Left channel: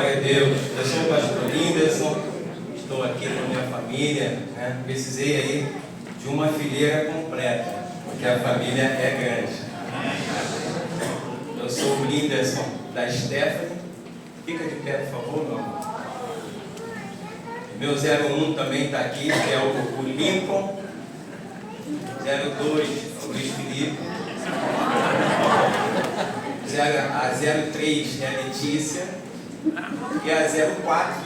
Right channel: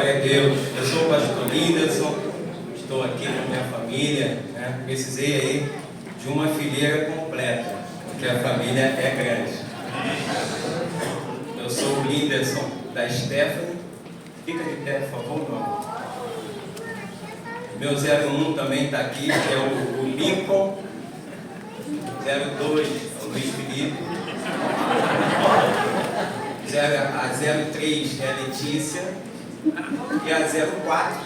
Glória a Deus. Eu sou o pastor Linderson, estou aqui com a minha família, né? Precisei aí de uma fileira completa, porque a família é grande. Eu sou o Linderson da Stephanie. Fica de pé, por favor, meu amor. Meu 01 também está aqui, que é o Lincoln. 02 é o Luiz Felipe. A 03 é a Letícia. E a 04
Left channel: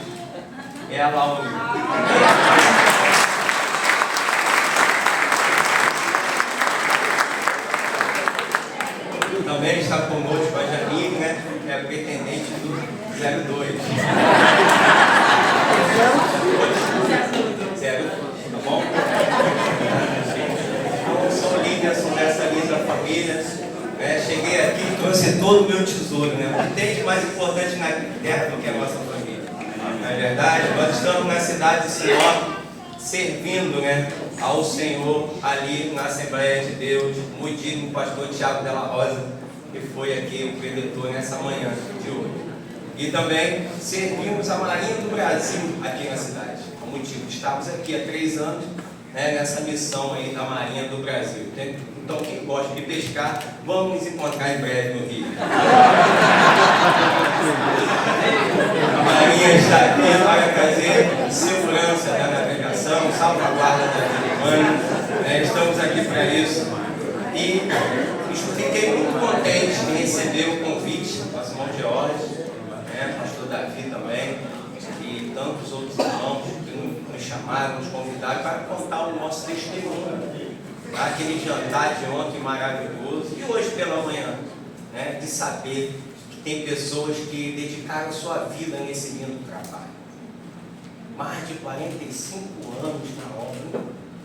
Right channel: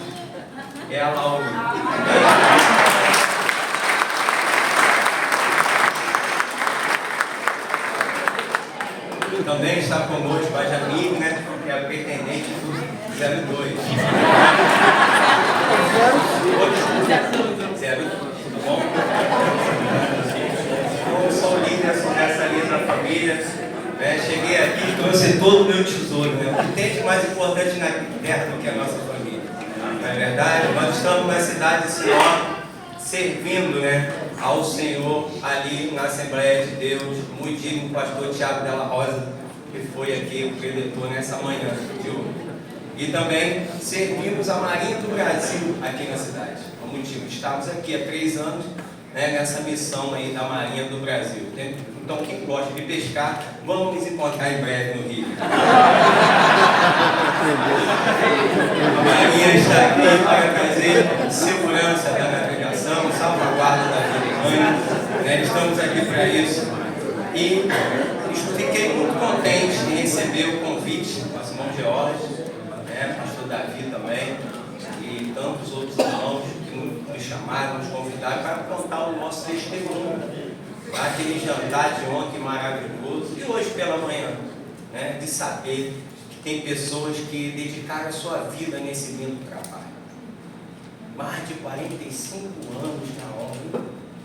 é a Laurinha. Também está conosco a Janine, né? Que é a pretendente do 02. 0, tá bom? Eu sou o Linderson dessa linda família. Cheguei aqui e trouxe todo o meu tesouro, né? O que tem de mais importante na terra do que a nossa família. Não é verdade? Nós estamos na cidade de Sinop, servindo, né, ao Senhor ali na Assembleia de Deus, muito digno, o pastor Tiago Della Rosa, que foi aqui o preletor nessa manhã de hoje. E também servimos a Marinha do Brasil aqui na cidade. Por motivo, estamos aqui há 3 anos, né, nessa missão aí da Marinha do Brasil. Então, quem gosta de pescar, vamos nos encontrar em breve no Rio. A Marinha está aqui para trazer segurança da navegação, salvaguarda da vida humana, né? Estamos aqui para isso. E fiquei muito contente em receber o convite do pastor George, né, pastor Davi também, e tantos outros irmãos que nos chamaram, nos convidaram para contar o nosso testemunho. Aquele jantar de ontem maravilhoso, e hoje pela manhã, né, de saber que tem pessoas que dedicaram a sua vida nesse lindo trabalho. Mais de 45 anos na obra.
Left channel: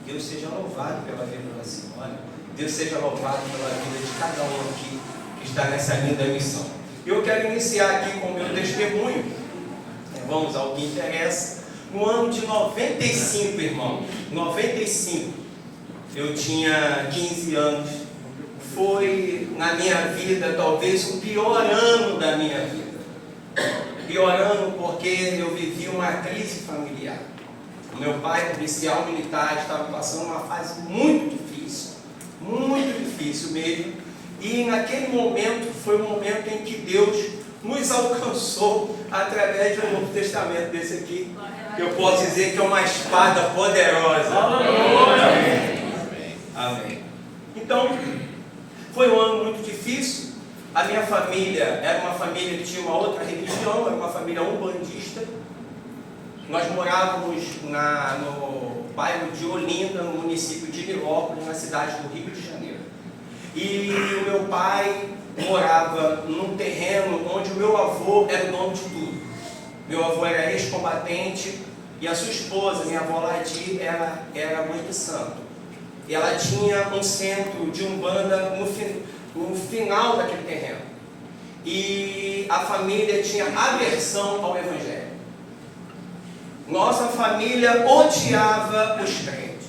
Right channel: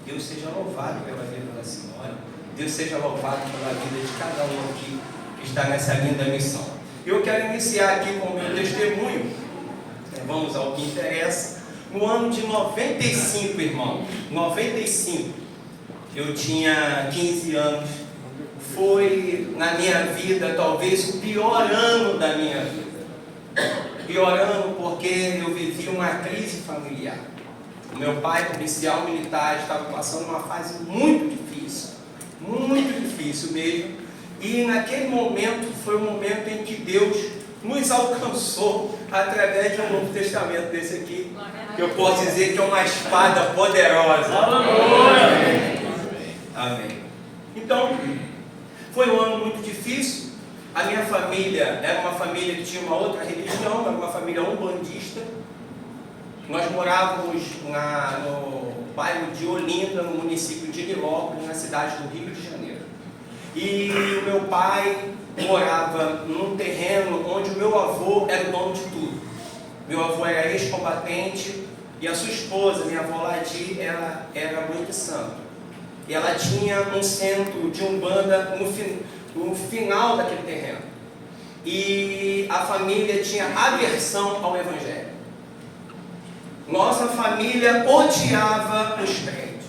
Deus seja louvado pela vida da senhora. Deus seja louvado pela vida de cada um aqui que está nessa linda missão. Eu quero iniciar aqui com o meu testemunho. Vamos ao que interessa. No ano de 95, irmãos, 95, eu tinha 15 anos. Foi na minha vida talvez o pior ano da minha vida. Pior ano porque eu vivi uma crise familiar. O meu pai, policial militar, estava passando uma fase muito difícil mesmo. E naquele momento foi o momento em que Deus nos alcançou através de um Novo Testamento desse aqui, que eu posso dizer que é uma espada poderosa. Amém. Então, foi um ano muito difícil. A minha família era uma família que tinha uma outra religião, era uma família umbandista. Nós morávamos no bairro de Olinda, no município de Nilópolis, na cidade do Rio de Janeiro. E o meu pai morava num terreno onde o meu avô era o dono de tudo. Meu avô era ex-combatente e a sua esposa, minha avó Ladi, era mãe de santo. E ela tinha um centro de umbanda no final daquele terreno. E a família tinha aversão ao evangelho. Nossa família odiava os crentes.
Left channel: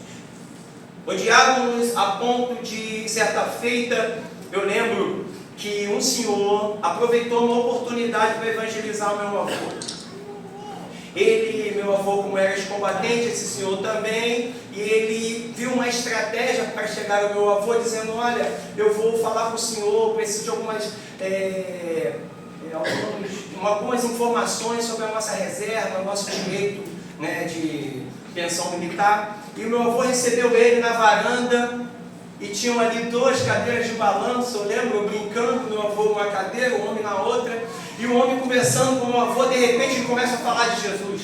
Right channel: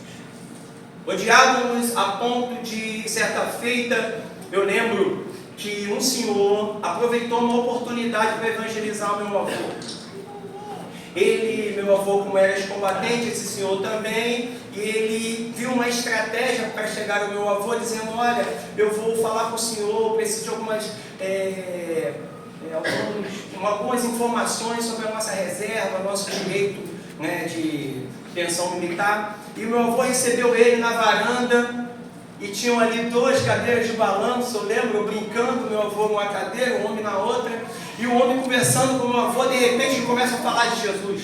Odiávamos a ponto de, certa feita, eu lembro que um senhor aproveitou uma oportunidade para evangelizar o meu avô. Meu avô, como era ex-combatente, esse senhor também, e ele viu uma estratégia para chegar ao meu avô, dizendo: olha, eu vou falar com o senhor, preciso de algumas informações sobre a nossa reserva, nosso direito, né, de pensão militar. E o meu avô recebeu ele na varanda, e tinham ali 2 cadeiras de balanço, eu lembro, brincando, meu avô numa cadeira, o homem na outra, e o homem conversando com o meu avô, de repente ele começa a falar de Jesus.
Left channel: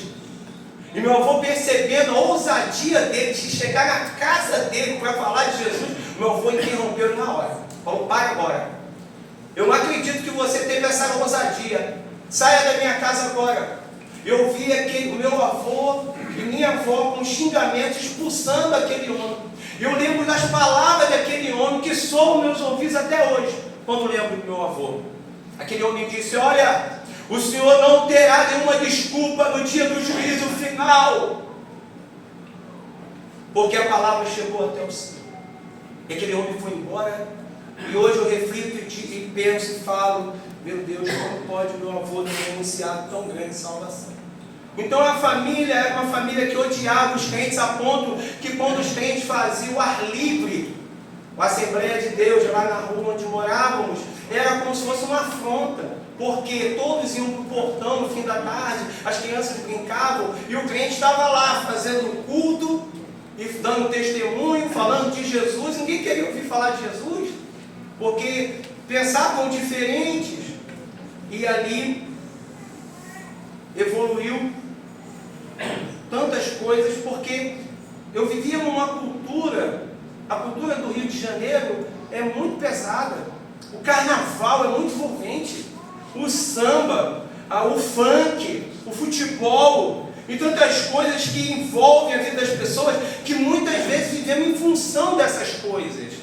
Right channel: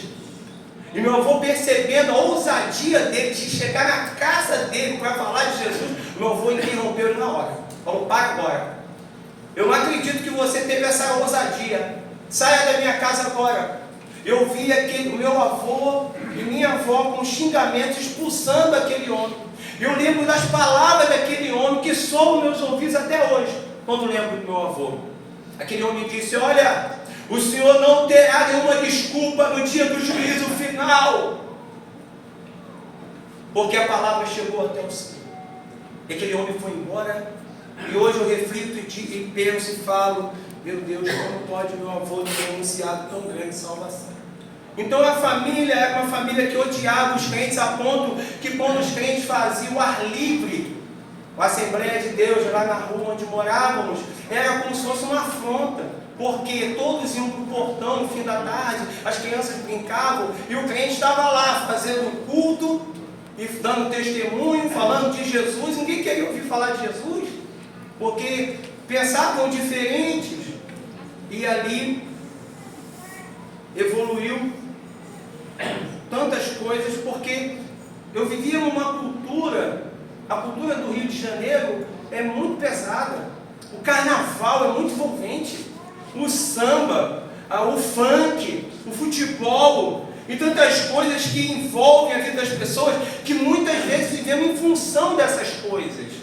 E meu avô, percebendo a ousadia dele de chegar na casa dele para falar de Jesus, meu avô interrompeu ele na hora. Falou: para agora. Eu não acredito que você teve essa ousadia. Saia da minha casa agora. Eu vi o meu avô e minha avó com xingamentos expulsando aquele homem. Eu lembro das palavras daquele homem que soam meus ouvidos até hoje, quando lembro do meu avô. Aquele homem disse: olha, o senhor não terá nenhuma desculpa no dia do juízo final, porque a palavra chegou até o Senhor. E aquele homem foi embora. E hoje eu reflito e penso e falo: Meu Deus, como pode meu avô ter anunciado tão grande salvação? Então a família era uma família que odiava os crentes a ponto que quando os crentes faziam o ar livre, a Assembleia de Deus lá na rua onde morávamos, era como se fosse uma afronta, porque todos iam para o portão no fim da tarde, as crianças brincavam e o crente estava lá fazendo culto e dando testemunho, falando de Jesus. Ninguém queria ouvir falar de Jesus, porque pensavam diferentes. E ali evoluiu tantas coisas, porque eu vivia numa cultura, a cultura do Rio de Janeiro é muito pesada, o carnaval é muito envolvente, o samba, o funk, o futebol e tantas coisas que envolvem a vida das pessoas, que muitas vezes vivemos em função dessas coisas,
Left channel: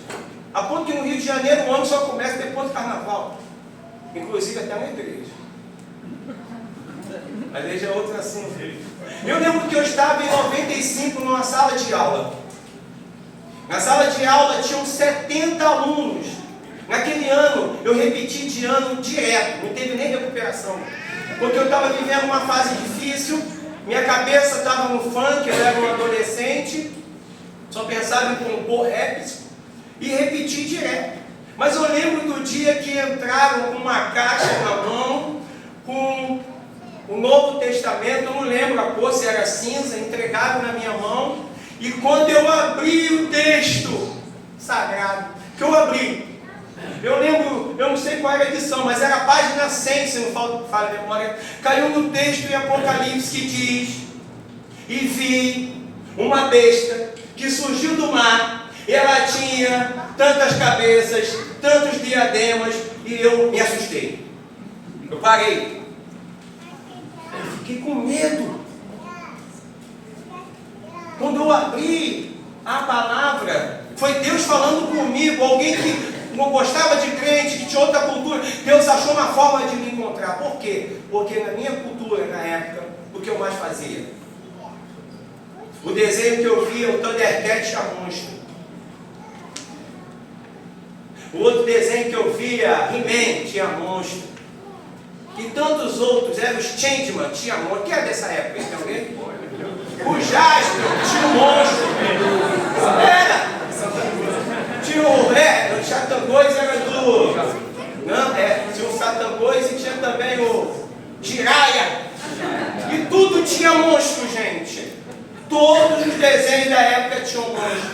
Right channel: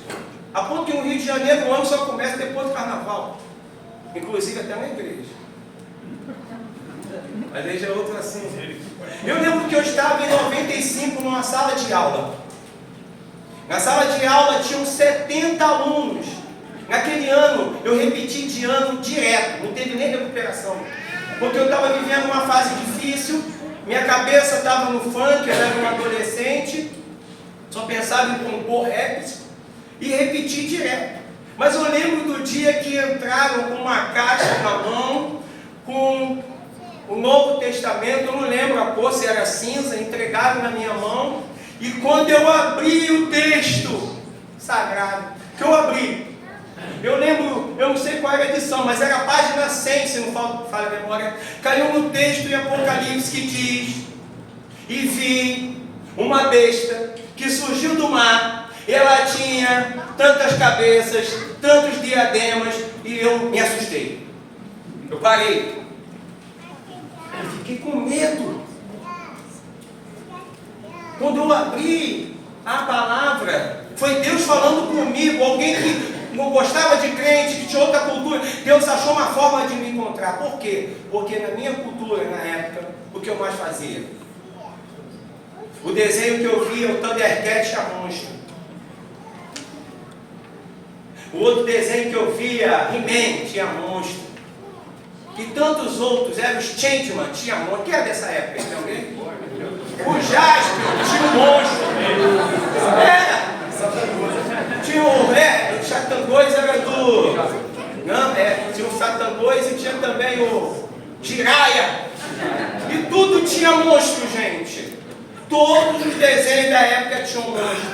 a ponto que no Rio de Janeiro o ano só começa depois do carnaval, inclusive até na igreja. A igreja é outra assim. Eu lembro que eu estava em 95 numa sala de aula. Na sala de aula tinham 70 alunos. Naquele ano eu repeti de ano direto, não teve nem recuperação, porque eu estava vivendo uma fase difícil, minha cabeça estava no funk, eu era um adolescente, só pensava em compor raps e repeti direto. Mas eu lembro do dia que entraram com uma caixa na mão, com o Novo Testamento, eu não lembro a cor, se era cinza, entregaram na minha mão, e quando eu abri o texto sagrado, que eu abri, eu lembro, eu não sei qual era a edição, mas era a página 100, se não falha a memória, caiu no texto em Apocalipse que diz: e vi uma besta que surgiu do mar, ela tinha tantas cabeças, tantos diademas, e eu me assustei. Eu parei. Eu fiquei com medo. Quando eu abri a palavra, foi Deus falando comigo, alguém que não gostava de crente, que tinha outra cultura. Deus achou uma forma de me encontrar. Por quê? Porque na minha cultura, na época, o que eu mais fazia? O desenho que eu via, o Thundercat tinha monstro. O outro desenho que eu via, He-Man, tinha monstro. E tantos outros, eram os Changeman, tinha monstro. Quem é dessa época? Tem alguém? O Jasper tinha um monstro. Era. Tinha o Satangos, era do... Não, tinha o Satangos e tinha também o Jiraiya. E tudo tinha monstro, gente. Todos os desenhos da época tinham monstro.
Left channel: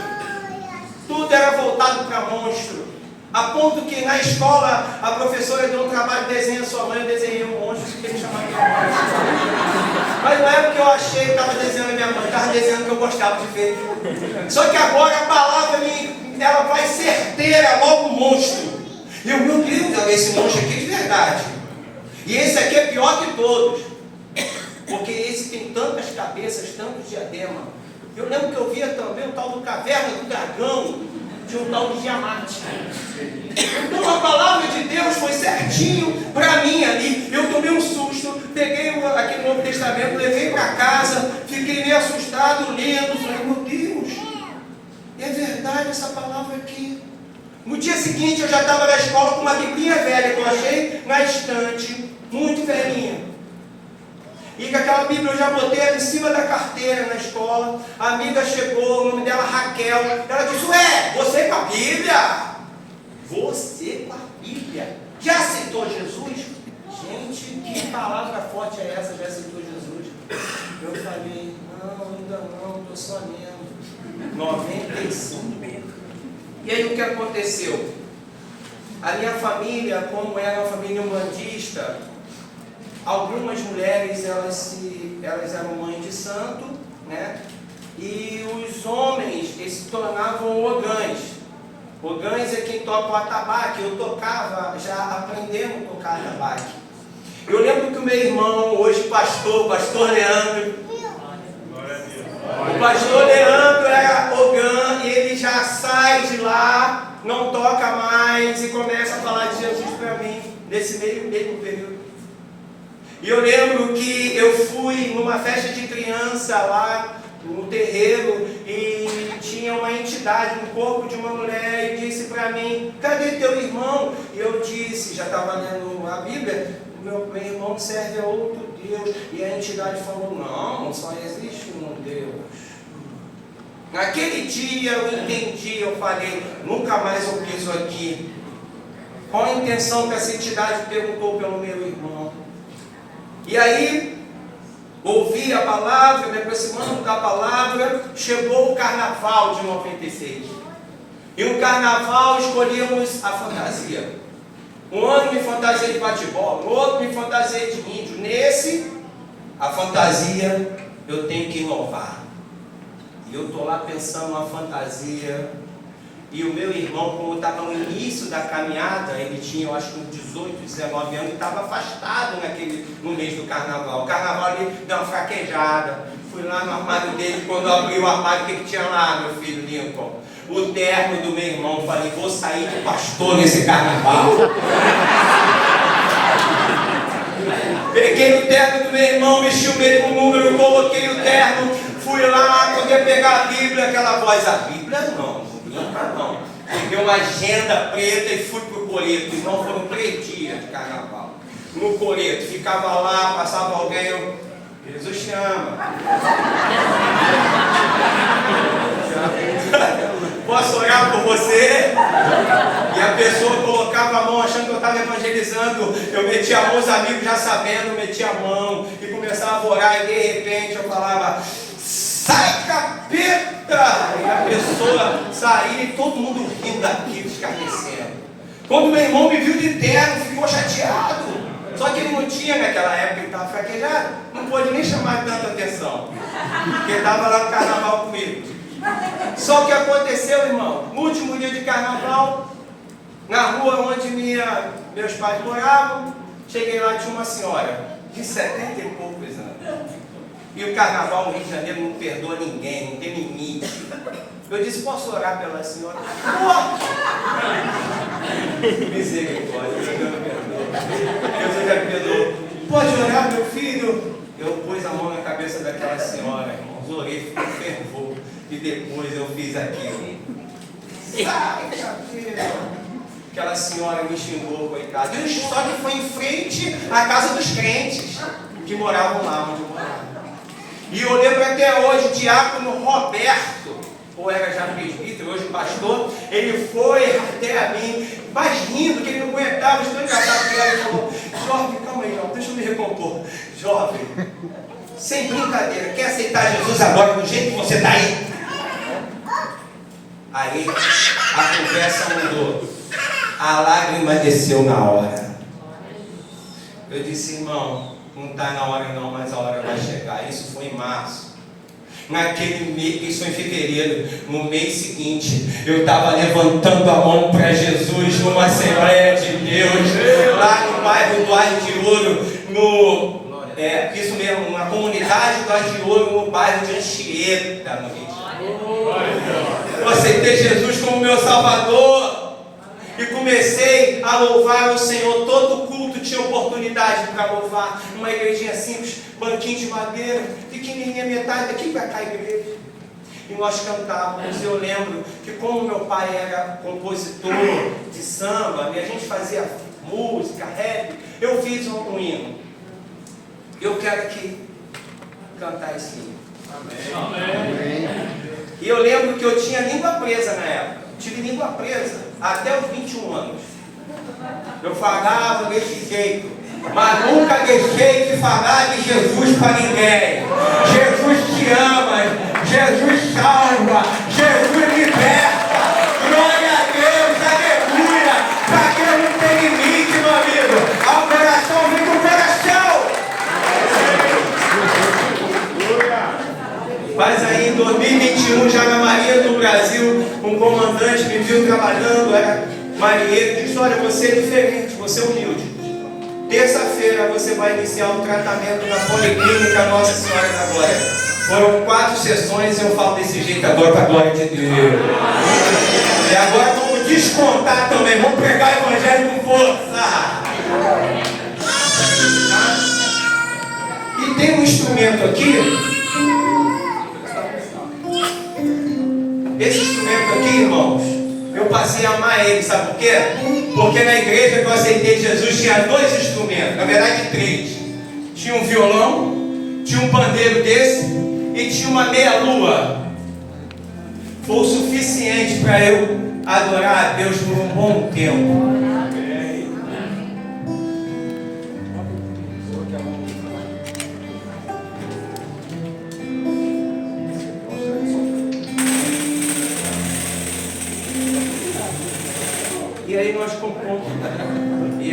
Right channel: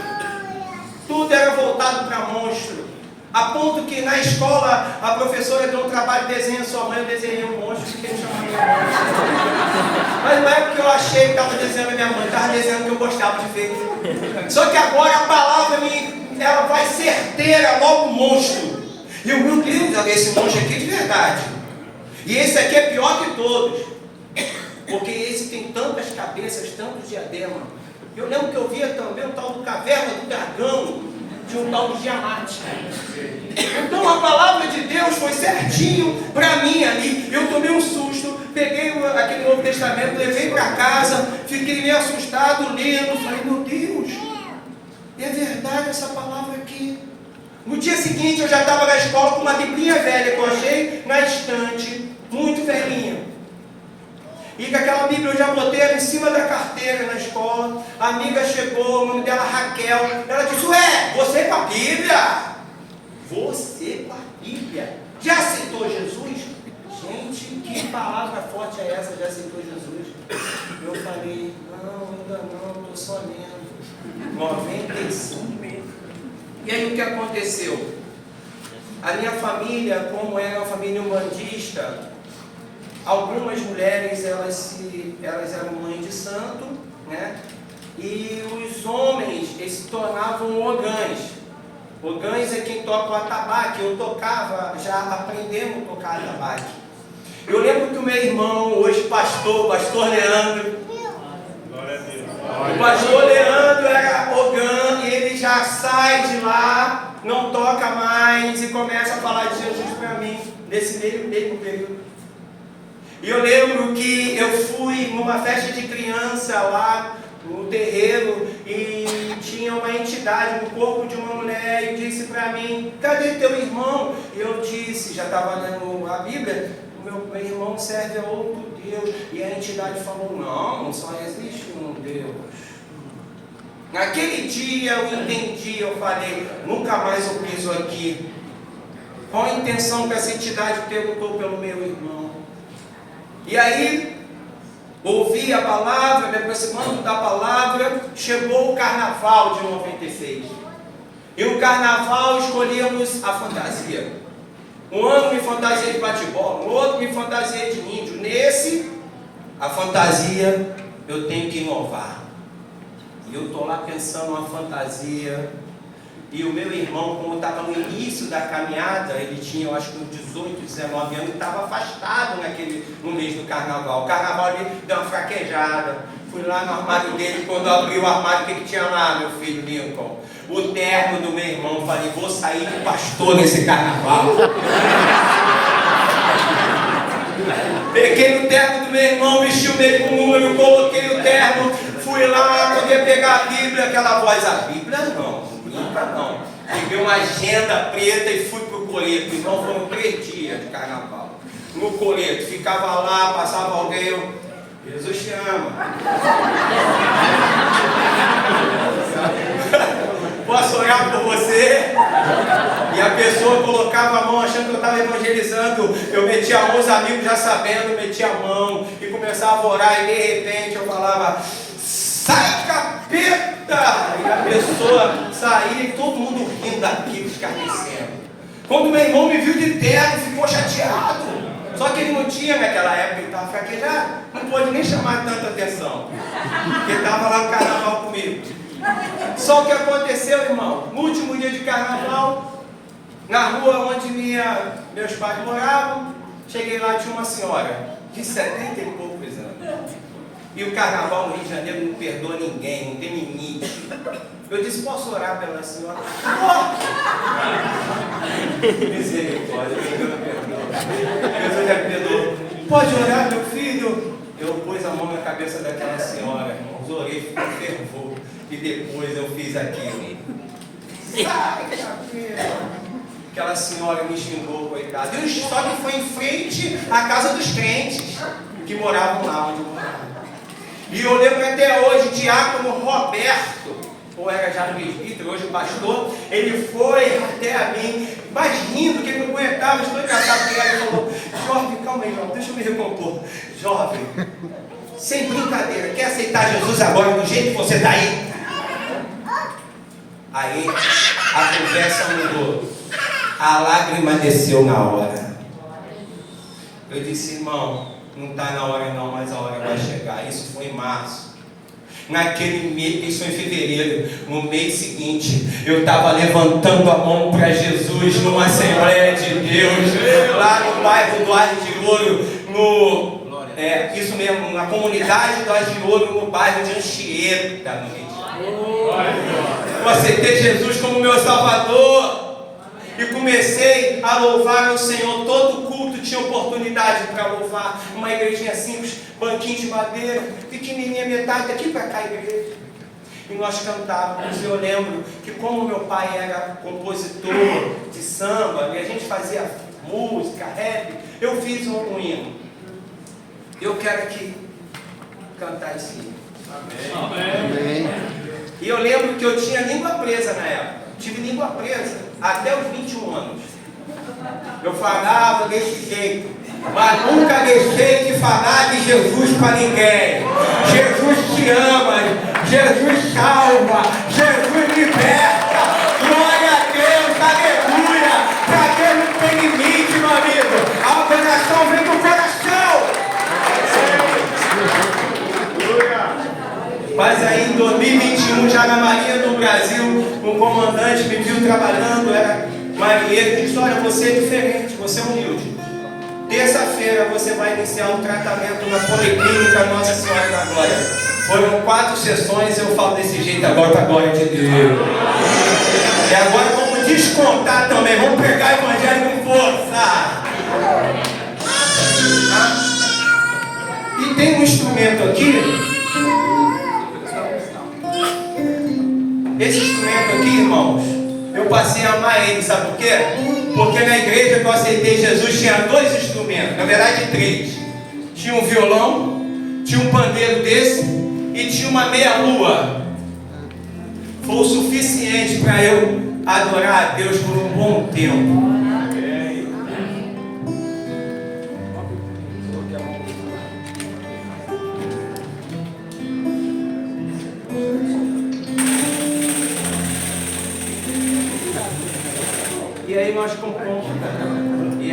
Tudo era voltado para monstro. A ponto que na escola a professora deu um trabalho de desenho à sua mãe, eu desenhei um monstro e fiquei me chamando de monstro. Mas não é porque eu achei que estava desenhando a minha mãe, estava desenhando que eu gostava de ver. Só que agora a palavra ela vai certeira, logo monstro. E eu, meu Deus, esse monstro aqui é de verdade. E esse aqui é pior que todos. Porque esse tem tantas cabeças, tantos diademas. Eu lembro que eu via também o tal do Caverna do Dragão, de um tal de Tiamat. Então a palavra de Deus foi certinho para mim ali. Eu tomei um susto, peguei aquele Novo Testamento, levei para casa, fiquei meio assustado lendo, falei, meu Deus, é verdade essa palavra aqui. No dia seguinte eu já estava na escola com uma biblinha velha que eu achei na estante, muito velhinha. E com aquela Bíblia eu já botei ela em cima da carteira na escola. A amiga chegou, o nome dela Raquel. Ela disse, ué, você com a Bíblia? Você com a Bíblia? Já aceitou Jesus? Gente, que palavra forte é essa, já aceitou Jesus? Eu falei, não, ainda não, estou só lendo. 95. E aí o que aconteceu? A minha família, como era uma família umbandista, algumas mulheres, elas eram mães de santo, né? E os homens, eles se tornavam ogãs. Ogãs é quem toca o atabaque. Eu tocava, já aprendemos a tocar atabaque. Eu lembro que o meu irmão, hoje pastor Leandro, o pastor Leandro era ogã, e ele já sai de lá, não toca mais, e começa a falar de Jesus para mim, nesse mesmo período. E eu lembro que eu fui numa festa de criança lá no terreiro e tinha uma entidade no corpo de uma mulher e disse para mim: cadê teu irmão? E eu disse, já estava lendo a Bíblia, o meu irmão serve a outro Deus. E a entidade falou: não, só existe um Deus. Naquele dia eu entendi, eu falei: nunca mais eu piso aqui. Qual a intenção que essa entidade perguntou pelo meu irmão? E aí, ouvi a palavra, me aproximando da palavra, chegou o carnaval de 96. E o carnaval escolhemos a fantasia. Um ano me fantasiei de bate-bola, no outro me fantasiei de índio. Nesse, a fantasia eu tenho que inovar. E eu estou lá pensando uma fantasia. E o meu irmão, como estava no início da caminhada, ele tinha, eu acho que uns 18, 19 anos, estava afastado no mês do carnaval. O carnaval ali deu uma fraquejada. Fui lá no armário dele, quando eu abri o armário, o que tinha lá, meu filho Lincoln? O terno do meu irmão. Falei: vou sair de pastor nesse carnaval. Peguei o terno do meu irmão, mexi o mesmo número, coloquei o terno, fui lá, poder pegar a Bíblia, aquela voz: a Bíblia não brinca não. Peguei uma agenda preta e fui pro Coreto. Irmão, foram 3 dias de carnaval. No Coreto, ficava lá, passava alguém, eu: Jesus te ama. Posso orar por você? E a pessoa colocava a mão achando que eu estava evangelizando. Eu metia a mão, os amigos já sabendo, metia a mão e começava a orar. E de repente eu falava: sai, capeta! E a pessoa saía e todo mundo rindo daquilo, escarnecendo. Quando meu irmão me viu de terno, ficou chateado. Só que ele não tinha, naquela época, ele estava fraquejado, não pôde nem chamar tanta atenção, porque ele estava lá no carnaval comigo. Só que aconteceu, irmão, no último dia de carnaval, na rua onde meus pais moravam, cheguei lá e tinha uma senhora de 70 e poucos anos. E o carnaval no Rio de Janeiro não perdoa ninguém, não tem limite. Eu disse: posso orar pela senhora? Misericórdia, Deus me perdoa. Deus já me perdoou. Pode orar, meu filho? Eu pus a mão na cabeça daquela senhora, irmãos, orei, ficou fervor. E depois eu fiz aquilo. Sai, capeta! Aquela senhora me xingou, coitada. E só que foi em frente à casa dos crentes que moravam lá onde eu morava. E eu lembro até hoje, o diácono Roberto, ou era já presbítero, hoje pastor, ele foi até a mim, mas rindo, que ele não aguentava, estou engraçado, porque ele falou: jovem, calma aí, jovem, deixa eu me recompor. Jovem, sem brincadeira, quer aceitar Jesus agora do jeito que você está aí? Aí a conversa mudou, a lágrima desceu na hora. Eu disse: irmão, não está na hora não, mas a hora vai chegar. Isso foi em março. Naquele mês, isso foi em fevereiro, no mês seguinte, eu estava levantando a mão para Jesus numa Assembleia de Deus, lá no bairro do Ar de Ouro, isso mesmo, na comunidade do Ar de Ouro, no bairro de Anchieta, no Rio de Janeiro. Eu aceitei Jesus como meu Salvador e comecei a louvar ao Senhor. Todo culto tinha oportunidade para louvar. Uma igrejinha simples, banquinho de madeira, pequenininha, metade daqui para cá a igreja. E nós cantávamos. E eu lembro que, como meu pai era compositor de samba, e a gente fazia música, rap, eu fiz um hino. Eu quero aqui cantar esse hino. Amém. E eu lembro que eu tinha língua presa na época. Tive língua presa até os 21 anos. Eu falava desse jeito, mas nunca deixei de falar de Jesus para ninguém. Jesus te ama, Jesus salva, Jesus liberta. Glória a Deus, aleluia. Para Deus não tem limite, meu amigo. A operação vem com o coração. Mas aí em 2021, já na Marinha do Brasil, um comandante me viu trabalhando, era marinheiro, e disse: olha, você é diferente, você é humilde. Terça-feira você vai iniciar um tratamento na Policlínica Nossa Senhora da Glória. Foram 4 sessões, eu falo desse jeito agora para a glória de Deus. E agora vamos descontar também, vamos pregar o evangelho com força. E tem um instrumento aqui. Esse instrumento aqui, irmãos, eu passei a amar ele, sabe por quê? Porque na igreja que eu aceitei Jesus tinha 2 instrumentos, na verdade 3. Tinha um violão, tinha um pandeiro desse e tinha uma meia-lua. Foi o suficiente para eu adorar a Deus por um bom tempo. E aí nós compomos. E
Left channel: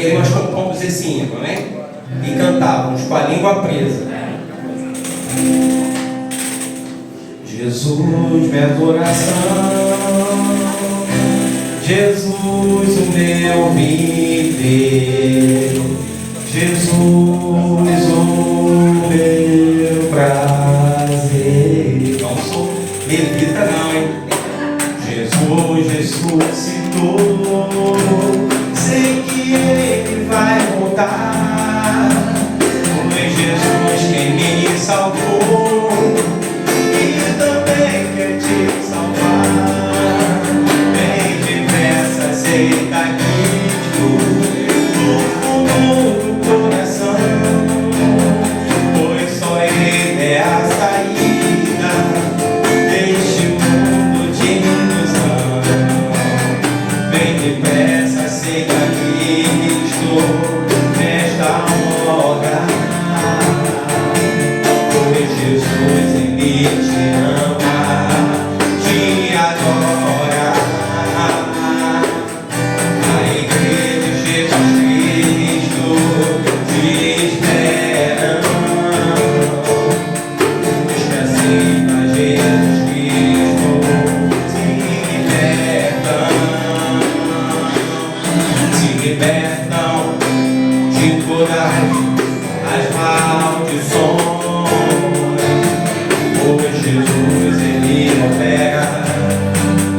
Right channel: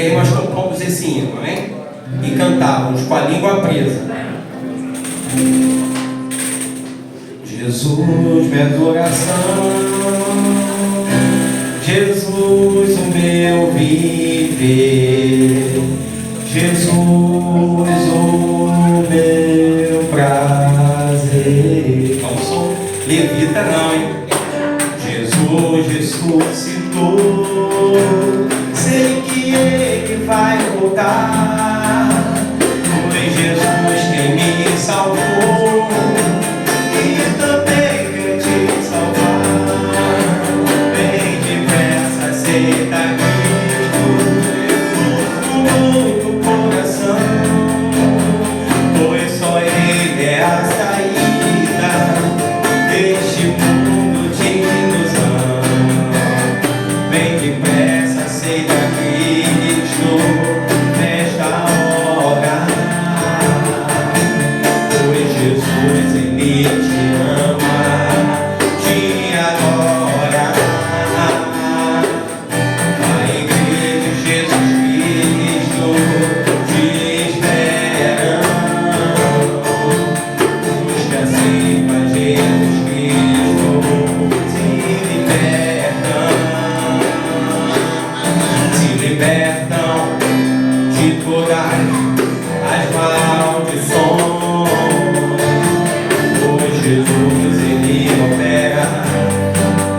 aí nós compomos esse hino, né? E cantávamos com a língua presa. Jesus, minha adoração. Jesus, o meu viver. Jesus, o meu prazer. Não sou levita não, hein? Jesus ressuscitou, sei que Ele vai voltar. Foi Jesus quem me salvou e também quer te salvar. Vem depressa, aceita Cristo no fundo do coração, pois só Ele é a saída deste mundo de ilusão. Vem depressa, aceita Cristo nesta hora, pois Jesus Ele te ama, te adora. A igreja de Jesus Cristo te espera. Os que aceitam Jesus Cristo se libertam de todas as maldições. Pois Jesus Ele opera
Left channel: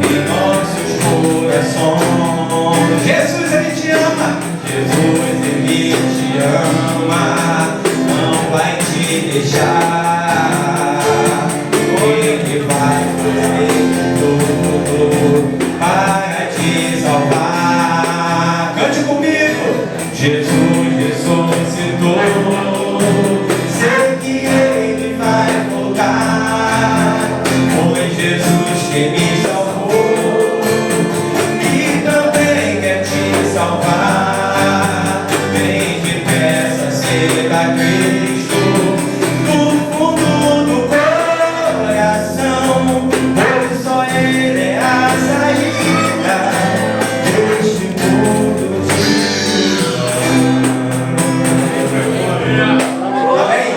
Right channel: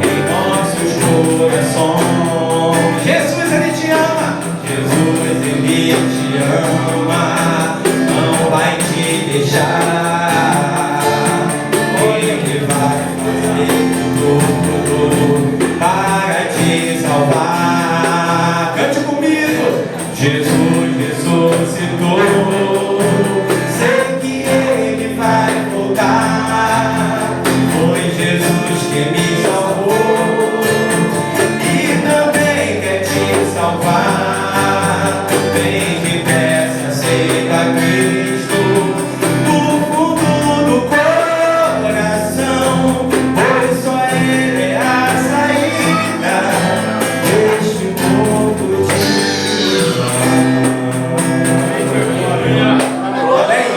em nossos corações. Jesus Ele te ama. Jesus Ele te ama, não vai te deixar. Ele vai fazer tudo para te salvar. Cante comigo. Jesus ressuscitou, sei que Ele vai voltar. Foi Jesus que me salvou e também quer te salvar. Vem depressa, aceita Cristo no fundo do coração, pois só Ele é a saída deste mundo de ilusão. Amém?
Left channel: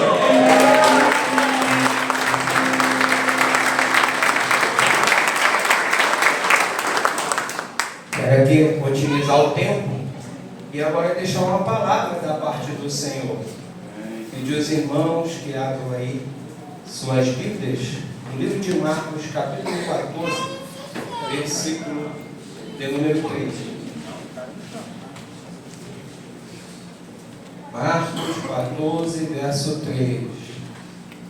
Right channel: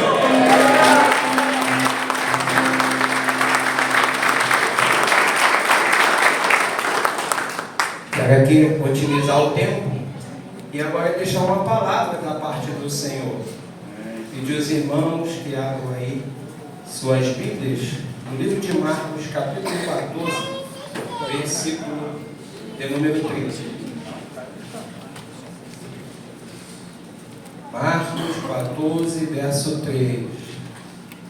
Quero aqui otimizar o tempo e agora deixar uma palavra da parte do Senhor. Pedir aos irmãos que abram aí suas Bíblias no livro de Marcos, capítulo 14, versículo de número 13. Marcos 14, verso 3.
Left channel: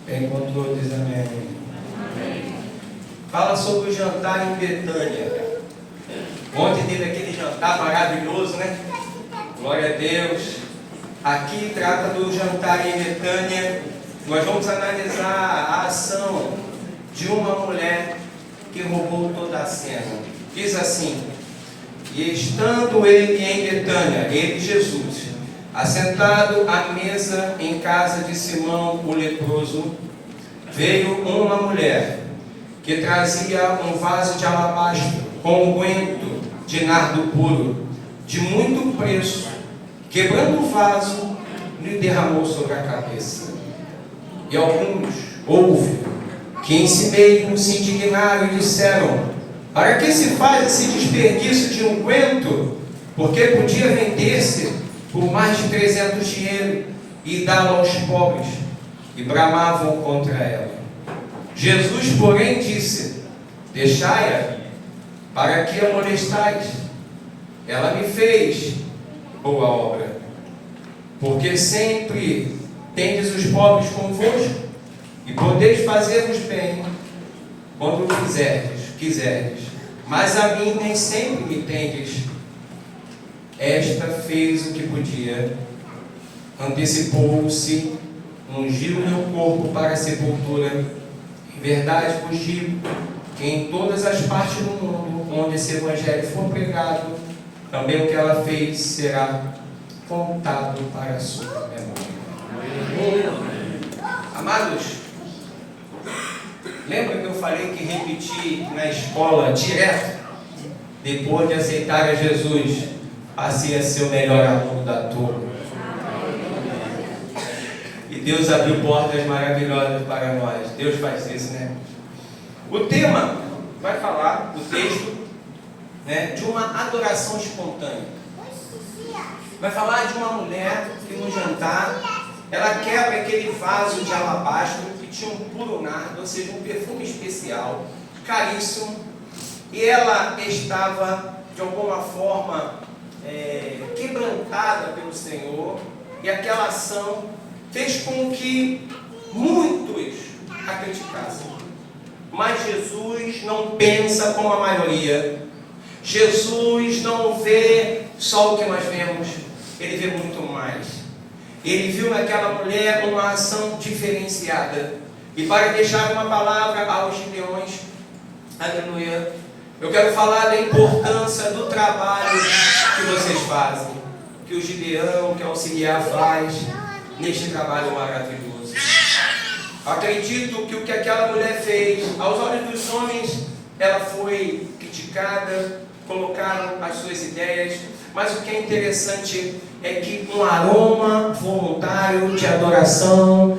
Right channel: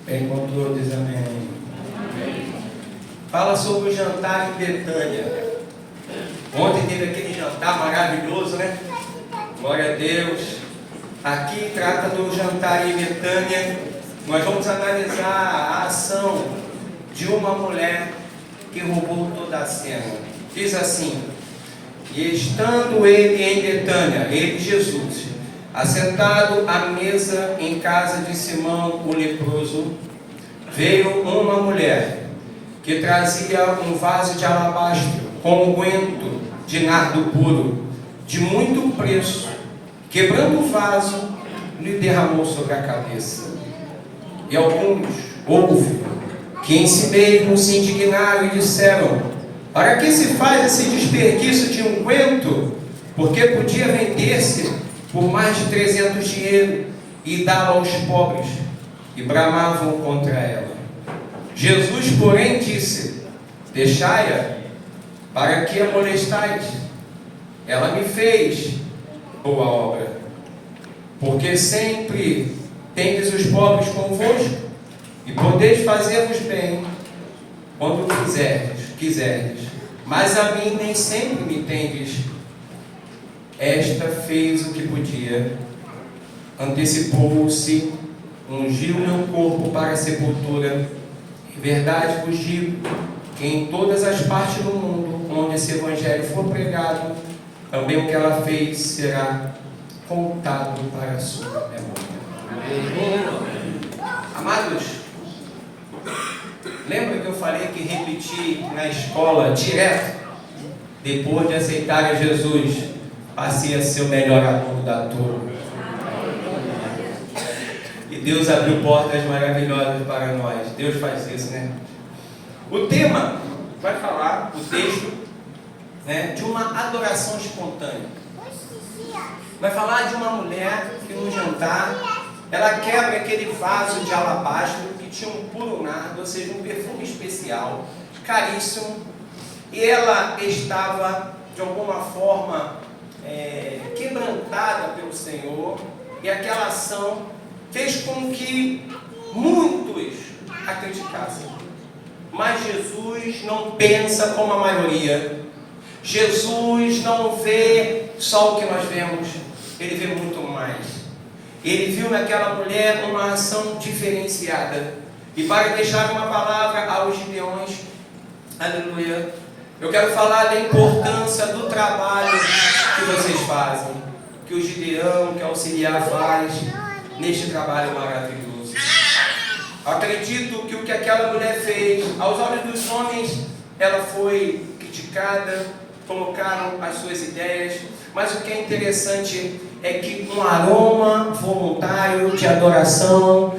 Bem com todos, amém. Fala sobre o jantar em Betânia. Ontem teve aquele jantar maravilhoso, né? Glória a Deus. Aqui trata do jantar em Betânia. Nós vamos analisar a ação de uma mulher que roubou toda a cena. Diz assim: e estando ele em Betânia, ele, Jesus, assentado à mesa em casa de Simão o leproso, veio uma mulher que trazia um vaso de alabastro com unguento de nardo puro, de muito preço. Quebrando o vaso, lhe derramou sobre a cabeça. E alguns houve que em si mesmos se indignaram e disseram: para que se faz esse desperdício de unguento? Porque podia vender-se por mais de 300 dinheiros e dá-lo aos pobres. E bramavam contra ela. Jesus, porém, disse: deixai-a, para que a molestais? Ela me fez boa obra, porque sempre tendes os pobres convosco, e podeis fazer-vos bem quando quiserdes, mas a mim nem sempre me tendes. Esta fez o que podia, antecipou-se, ungiu meu corpo para a sepultura. Em verdade vos digo que em todas as partes do mundo onde esse evangelho for pregado, também o que ela fez será contado para a sua memória. Amados, lembra que eu falei que repeti na escola direto? Depois de aceitar a Jesus, passei a ser o melhor aluno da turma. E Deus abriu portas maravilhosas para nós. Deus faz isso, né? O tema vai falar, o texto, né, de uma adoração espontânea. Vai falar de uma mulher que no jantar, ela quebra aquele vaso de alabastro que tinha um puro nardo, ou seja, um perfume especial, caríssimo, e ela estava, de alguma forma, quebrantada pelo Senhor, e aquela ação fez com que muitos a criticassem. Mas Jesus não pensa como a maioria. Jesus não vê só o que nós vemos, Ele vê muito mais. Ele viu naquela mulher uma ação diferenciada. E para deixar uma palavra aos gideões, aleluia, eu quero falar da importância do trabalho que vocês fazem, que o Gideão, que o auxiliar faz neste trabalho maravilhoso. Acredito que o que aquela mulher fez, aos olhos dos homens, ela foi criticada, colocaram as suas ideias, mas o que é interessante é que um aroma voluntário de adoração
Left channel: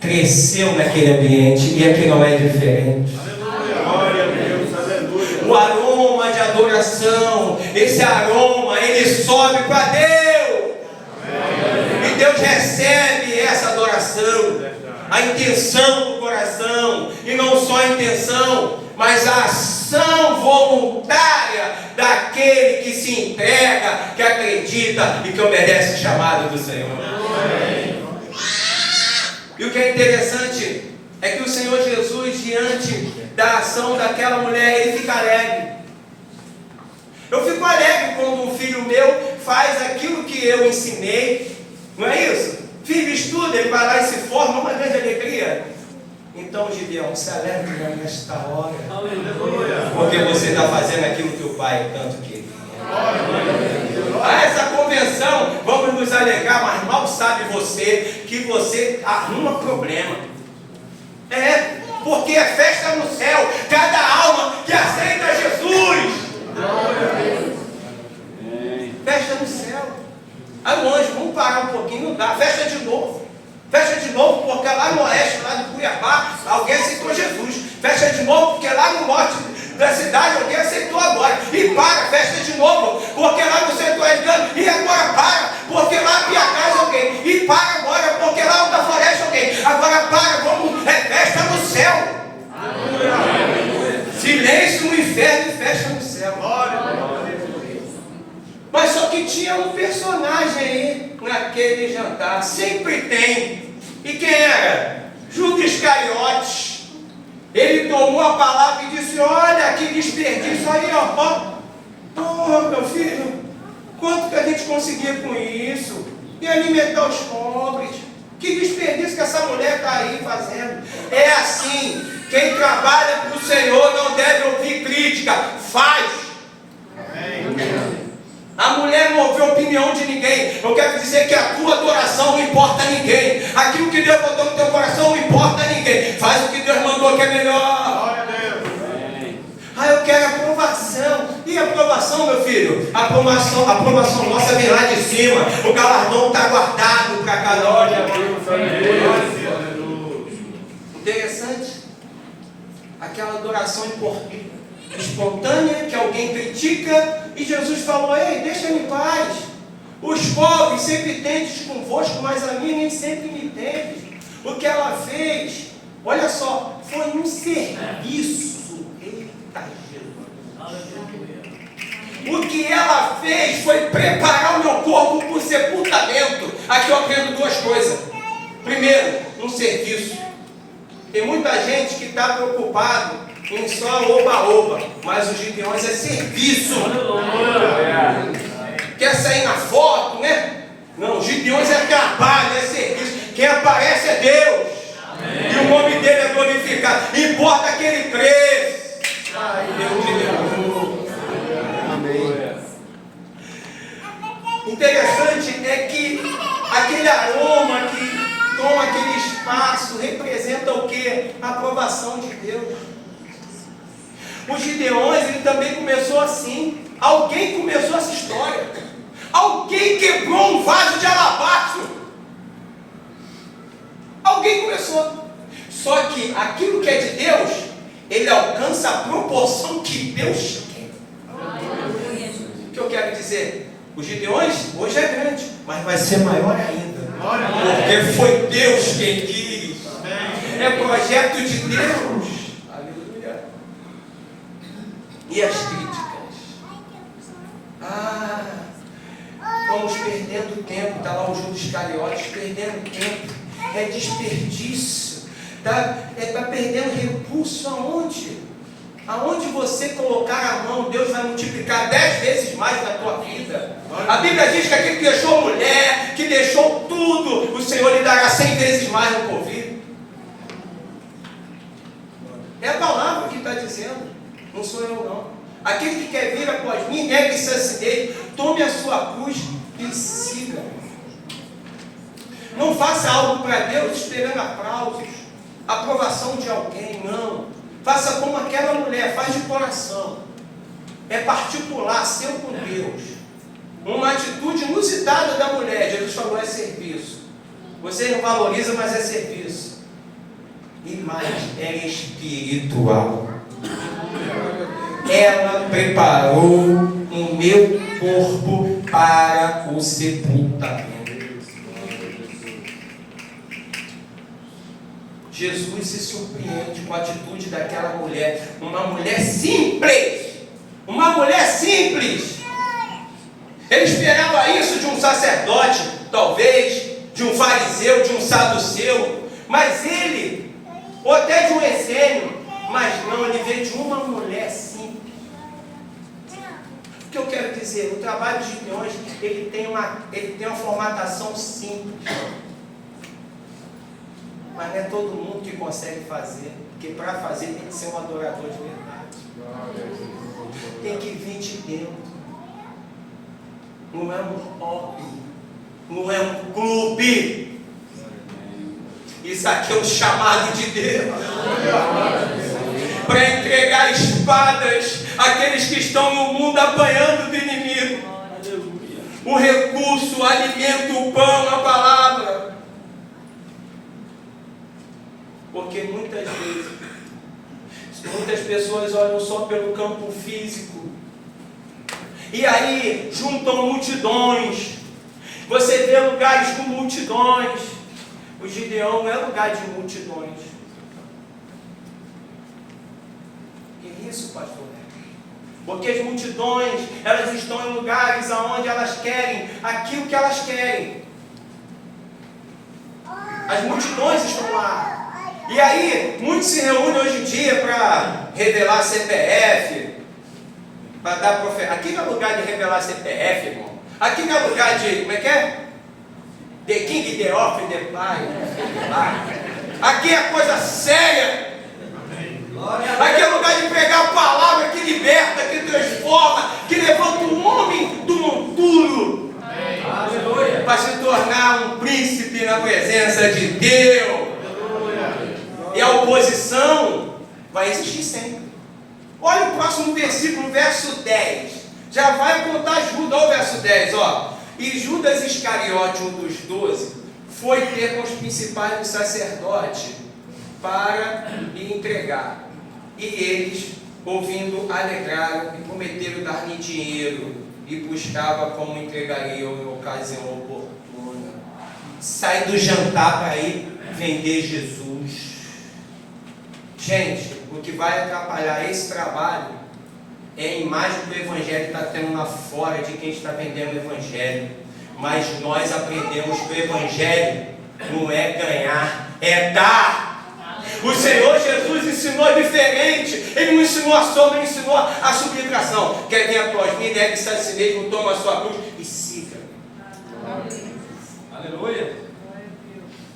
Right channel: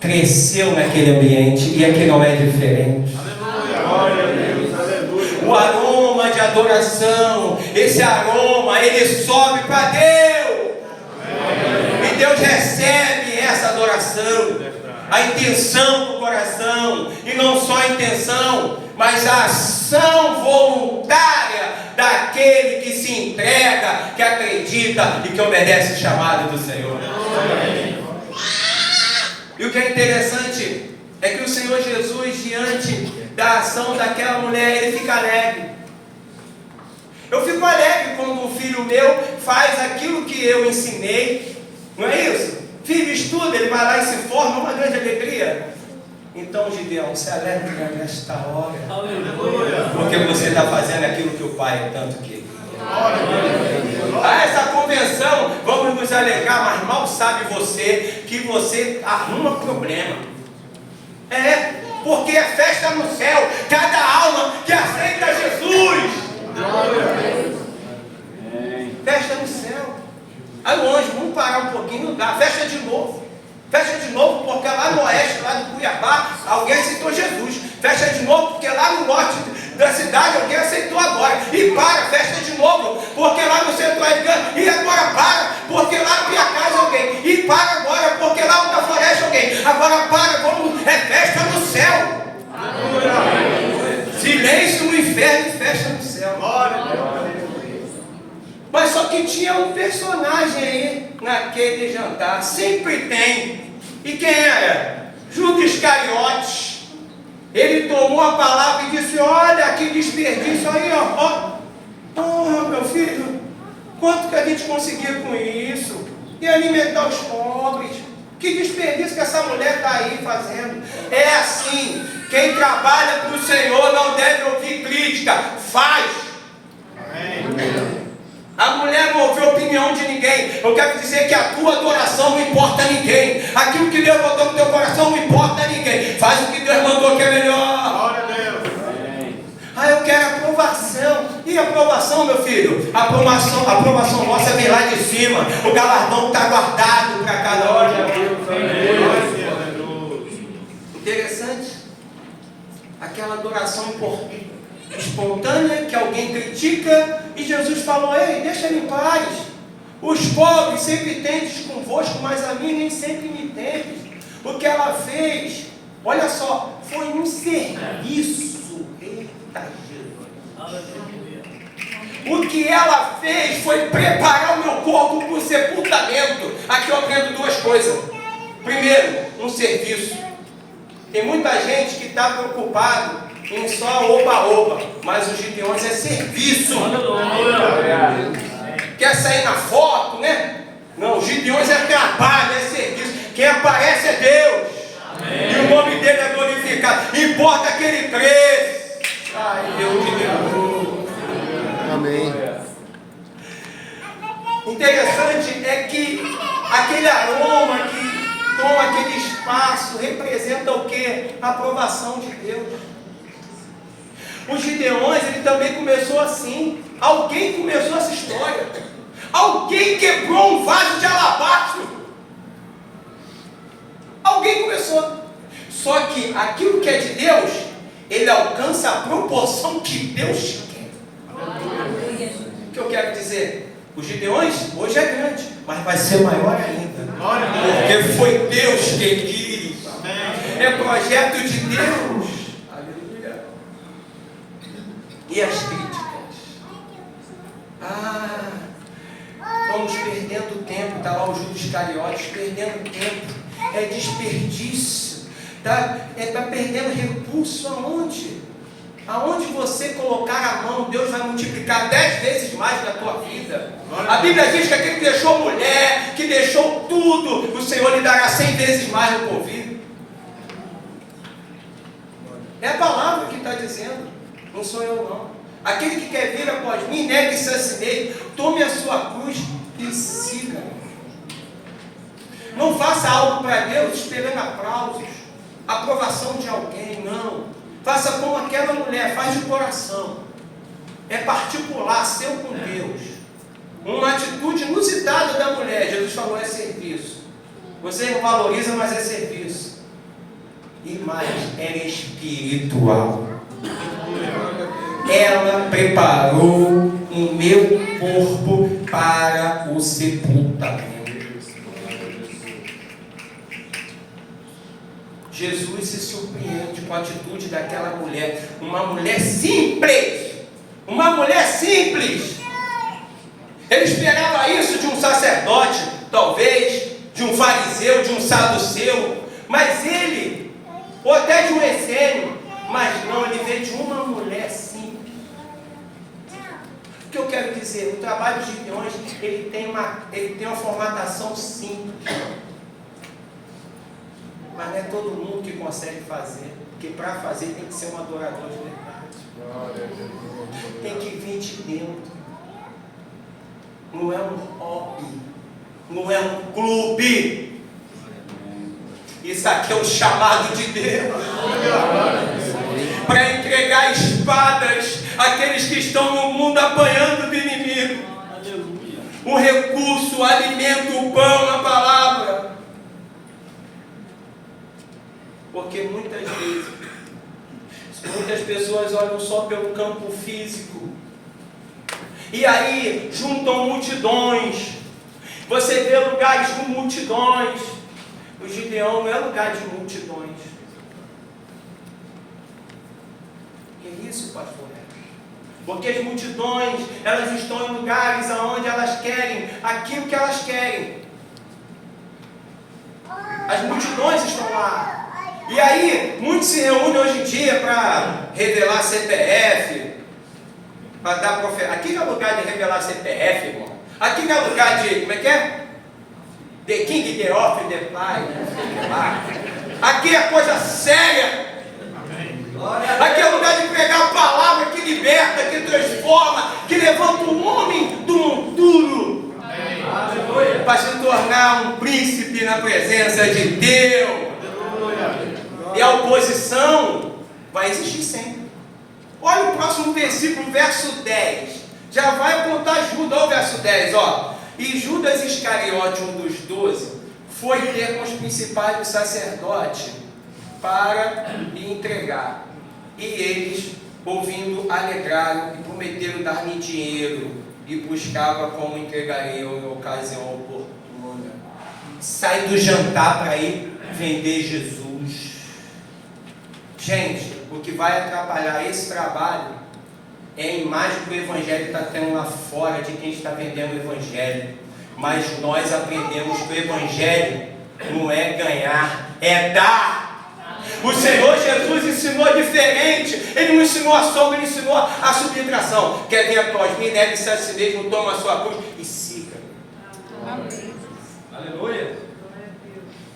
cresceu naquele ambiente, e aqui não é diferente. O aroma de adoração, esse aroma, ele sobe para Deus. E Deus recebe essa adoração, a intenção do coração, e não só a intenção, mas a ação voluntária daquele que se entrega, que acredita e que obedece o chamado do Senhor. E o que é interessante é que o Senhor Jesus, diante da ação daquela mulher, ele fica alegre. Eu fico alegre quando um filho meu faz aquilo que eu ensinei, não é isso? Filho estuda, ele vai lá e se forma, uma grande alegria. Então, Gideão, se alegre nesta hora, porque você está fazendo aquilo que o Pai tanto queria. Essa convenção, vamos nos alegrar, mas mal sabe você que você arruma problema. Porque é festa no céu, cada alma que aceita Jesus. Festa no céu. Aí o anjo, vamos parar um pouquinho, não dá, festa de novo. Fecha de novo, porque lá no oeste, lá de Cuiabá, alguém aceitou Jesus. Fecha de novo, porque lá no norte da cidade, alguém aceitou agora. E para, fecha de novo, porque lá no centro-oeste, e agora para, porque lá na casa alguém. E para agora, porque lá na floresta alguém. Agora para, vamos, é festa no céu. Silêncio no inferno e festa no céu. Mas só que tinha um personagem aí naquele jantar, sempre tem. E quem era? Judas Iscariotes. Ele tomou a palavra e disse: olha que desperdício aí, meu filho, quanto que a gente conseguia com isso? E alimentar os pobres. Que desperdício que essa mulher está aí fazendo. É assim, quem trabalha para o Senhor não deve ouvir crítica, faz. Amém. A mulher não ouviu a opinião de ninguém. Eu quero dizer que a tua adoração não importa a ninguém. Aquilo que Deus botou no teu coração não importa a ninguém. Faz o que Deus mandou que é melhor. Eu quero aprovação. E aprovação, meu filho? A aprovação nossa vem lá de cima. O galardão está guardado para cada um. Interessante. Aquela adoração espontânea que alguém critica, e Jesus falou: ei, deixa em paz. Os pobres sempre tendes convosco, mas a mim nem sempre me tendes. O que ela fez, olha só, foi um serviço. Eita Jesus. O que ela fez foi preparar o meu corpo para o sepultamento. Aqui eu aprendo duas coisas. Primeiro, um serviço. Tem muita gente que está preocupado em só oba-oba, mas os Gideões é serviço. Quer sair na foto, né? Não, os Gideões é trabalho, é serviço. Quem aparece é Deus. Amém. E o nome dele é glorificado. Importa que ele cresça. Eu Gideão. Amém. Interessante é que aquele aroma que toma aquele espaço representa o quê? A aprovação de Deus. Os Gideões, ele também começou assim. Alguém começou essa história. Alguém quebrou um vaso de alabastro. Alguém começou. Só que aquilo que é de Deus, ele alcança a proporção que Deus quer. O que eu quero dizer? Os Gideões hoje é grande, mas vai ser maior ainda. Porque foi Deus quem quis. É projeto de Deus. Aleluia. E as críticas? Vamos perdendo tempo. Está lá o Judas Iscariotes perdendo tempo. É desperdício. Está perdendo recurso aonde? Aonde você colocar a mão, Deus vai multiplicar 10 vezes mais na tua vida. A Bíblia diz que aquele que deixou mulher, que deixou tudo, o Senhor lhe dará 100 vezes mais no porvir. É a palavra que está dizendo, não sou eu não. Aquele que quer vir após mim, negue-se a si mesmo, tome a sua cruz e siga. Não faça algo para Deus esperando aplausos, aprovação de alguém, não. Faça como aquela mulher, faz de coração. É particular, seu com Deus. Uma atitude inusitada da mulher, Jesus falou, é serviço. Você não valoriza, mas é serviço. E mais, é espiritual. Ela preparou o meu corpo para o sepultamento. Jesus se surpreende com a atitude daquela mulher. Uma mulher simples. Uma mulher simples. Ele esperava isso de um sacerdote, talvez, de um fariseu, de um saduceu. Mas ele, ou até de um essênio, mas não, ele veio de uma mulher simples. O que eu quero dizer? O trabalho de Gideões, ele tem uma formatação simples. Mas não é todo mundo que consegue fazer, porque para fazer tem que ser um adorador de verdade. Tem que vir de dentro. Não é um hobby, não é um clube. Isso aqui é o chamado de Deus. Para entregar espadas àqueles que estão no mundo apanhando do inimigo. O recurso, o alimento, o pão, a palavra. Porque muitas vezes, muitas pessoas olham só pelo campo físico. E aí juntam multidões. Você vê lugares com multidões. O Gideão não é lugar de multidões. Que isso, pastor? Porque as multidões, elas estão em lugares onde elas querem aquilo que elas querem. As multidões estão lá. E aí, muitos se reúnem hoje em dia para revelar CPF, para dar profecia. Aqui não é lugar de revelar CPF, irmão. Aqui não é lugar de, como é que é? The King, the Off, the Fly. Aqui é coisa séria. Aqui é lugar de pregar a palavra que liberta, que transforma, que levanta o homem do monturo para se tornar um príncipe na presença de Deus. E a oposição vai existir sempre. Olha o próximo versículo, verso 10. Já vai apontar Judas, olha o verso 10, ó. E Judas Iscariote, um dos 12, foi ter com os principais dos sacerdotes para lhe entregar. E eles, ouvindo, alegraram e prometeram dar-lhe dinheiro e buscava como entregariam em ocasião oportuna. Sai do jantar para ir vender Jesus. Gente, o que vai atrapalhar esse trabalho é a imagem que o Evangelho está tendo lá fora de quem está vendendo o Evangelho. Mas nós aprendemos que o Evangelho não é ganhar, é dar. O Senhor Jesus ensinou diferente. Ele não ensinou a sombra, ele ensinou a subtração. Quer vir após mim, negue-se a si mesmo, toma a sua cruz e siga. Aleluia.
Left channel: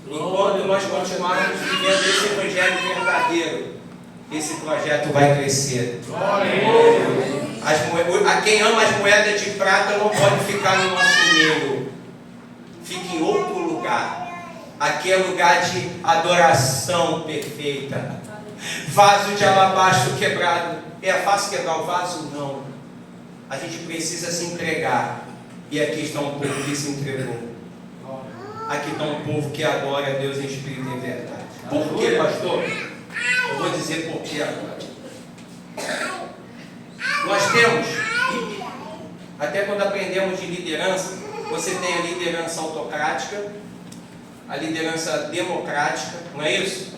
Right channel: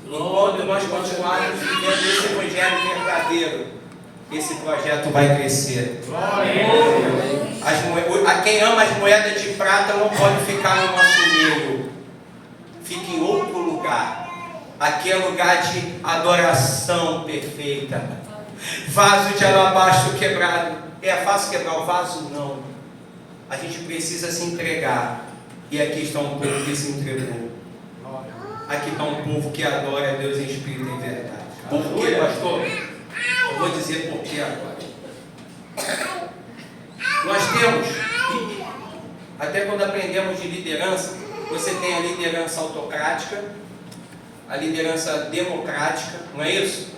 Enquanto nós continuarmos vivendo esse evangelho verdadeiro, esse projeto vai crescer. Quem ama as moedas de prata não pode ficar no nosso meio. Fique em outro lugar. Aqui é lugar de adoração perfeita. Vaso de alabastro quebrado. É fácil quebrar o vaso? Não. A gente precisa se entregar. E aqui está um povo que se entregou. Aqui está um povo que adora a Deus em espírito e em verdade. Por quê, pastor? Eu vou dizer por quê agora. Nós temos, até quando aprendemos de liderança, você tem a liderança autocrática, a liderança democrática, não é isso?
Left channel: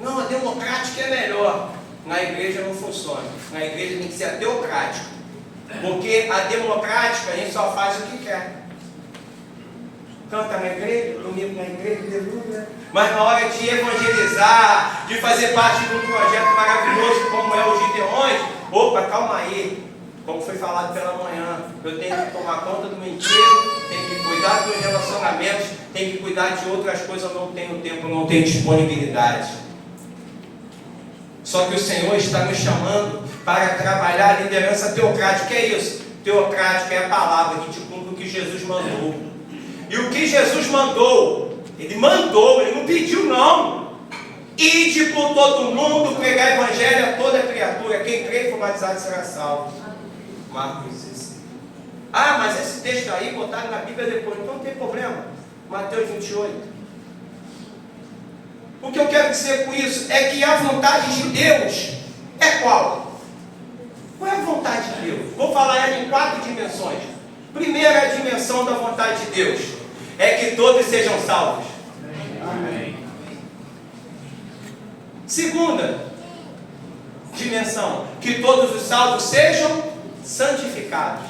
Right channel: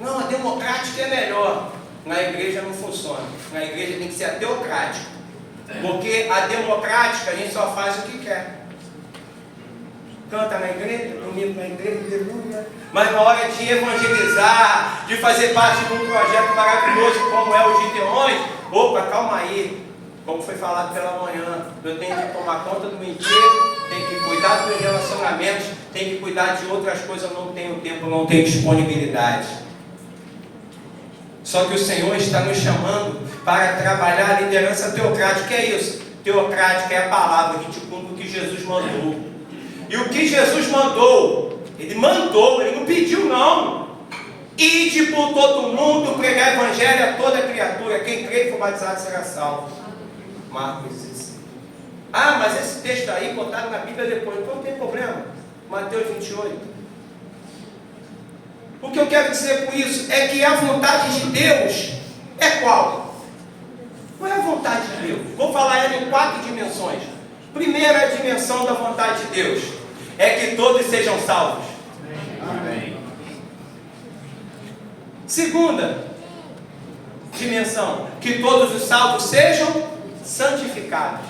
Não, a democrática é melhor. Na igreja não funciona. Na igreja tem que ser a teocrática. Porque a democrática a gente só faz o que quer. Canta na igreja, domingo na igreja, aleluia. Mas na hora de evangelizar, de fazer parte de um projeto maravilhoso como é o Gideões, opa, calma aí. Como foi falado pela manhã, eu tenho que tomar conta do meu emprego, tenho que cuidar dos meus relacionamentos, tenho que cuidar de outras coisas, eu não tenho tempo, não tenho disponibilidade. Só que o Senhor está nos chamando para trabalhar a liderança teocrática. O que é isso? Teocrática é a palavra, a gente cumpre o que Jesus mandou. E o que Jesus mandou, ele não pediu não. Ide por todo mundo, pregar evangelho a toda criatura, quem crê e for batizado será salvo. Marcos 16. Ah, mas esse texto aí botaram na Bíblia depois, então não tem problema. Mateus 28. O que eu quero dizer com isso é que a vontade de Deus é qual? Qual é a vontade de Deus? Vou falar ela em 4 dimensões. Primeira dimensão da vontade de Deus é que todos sejam salvos. Amém. Segunda dimensão, que todos os salvos sejam santificados.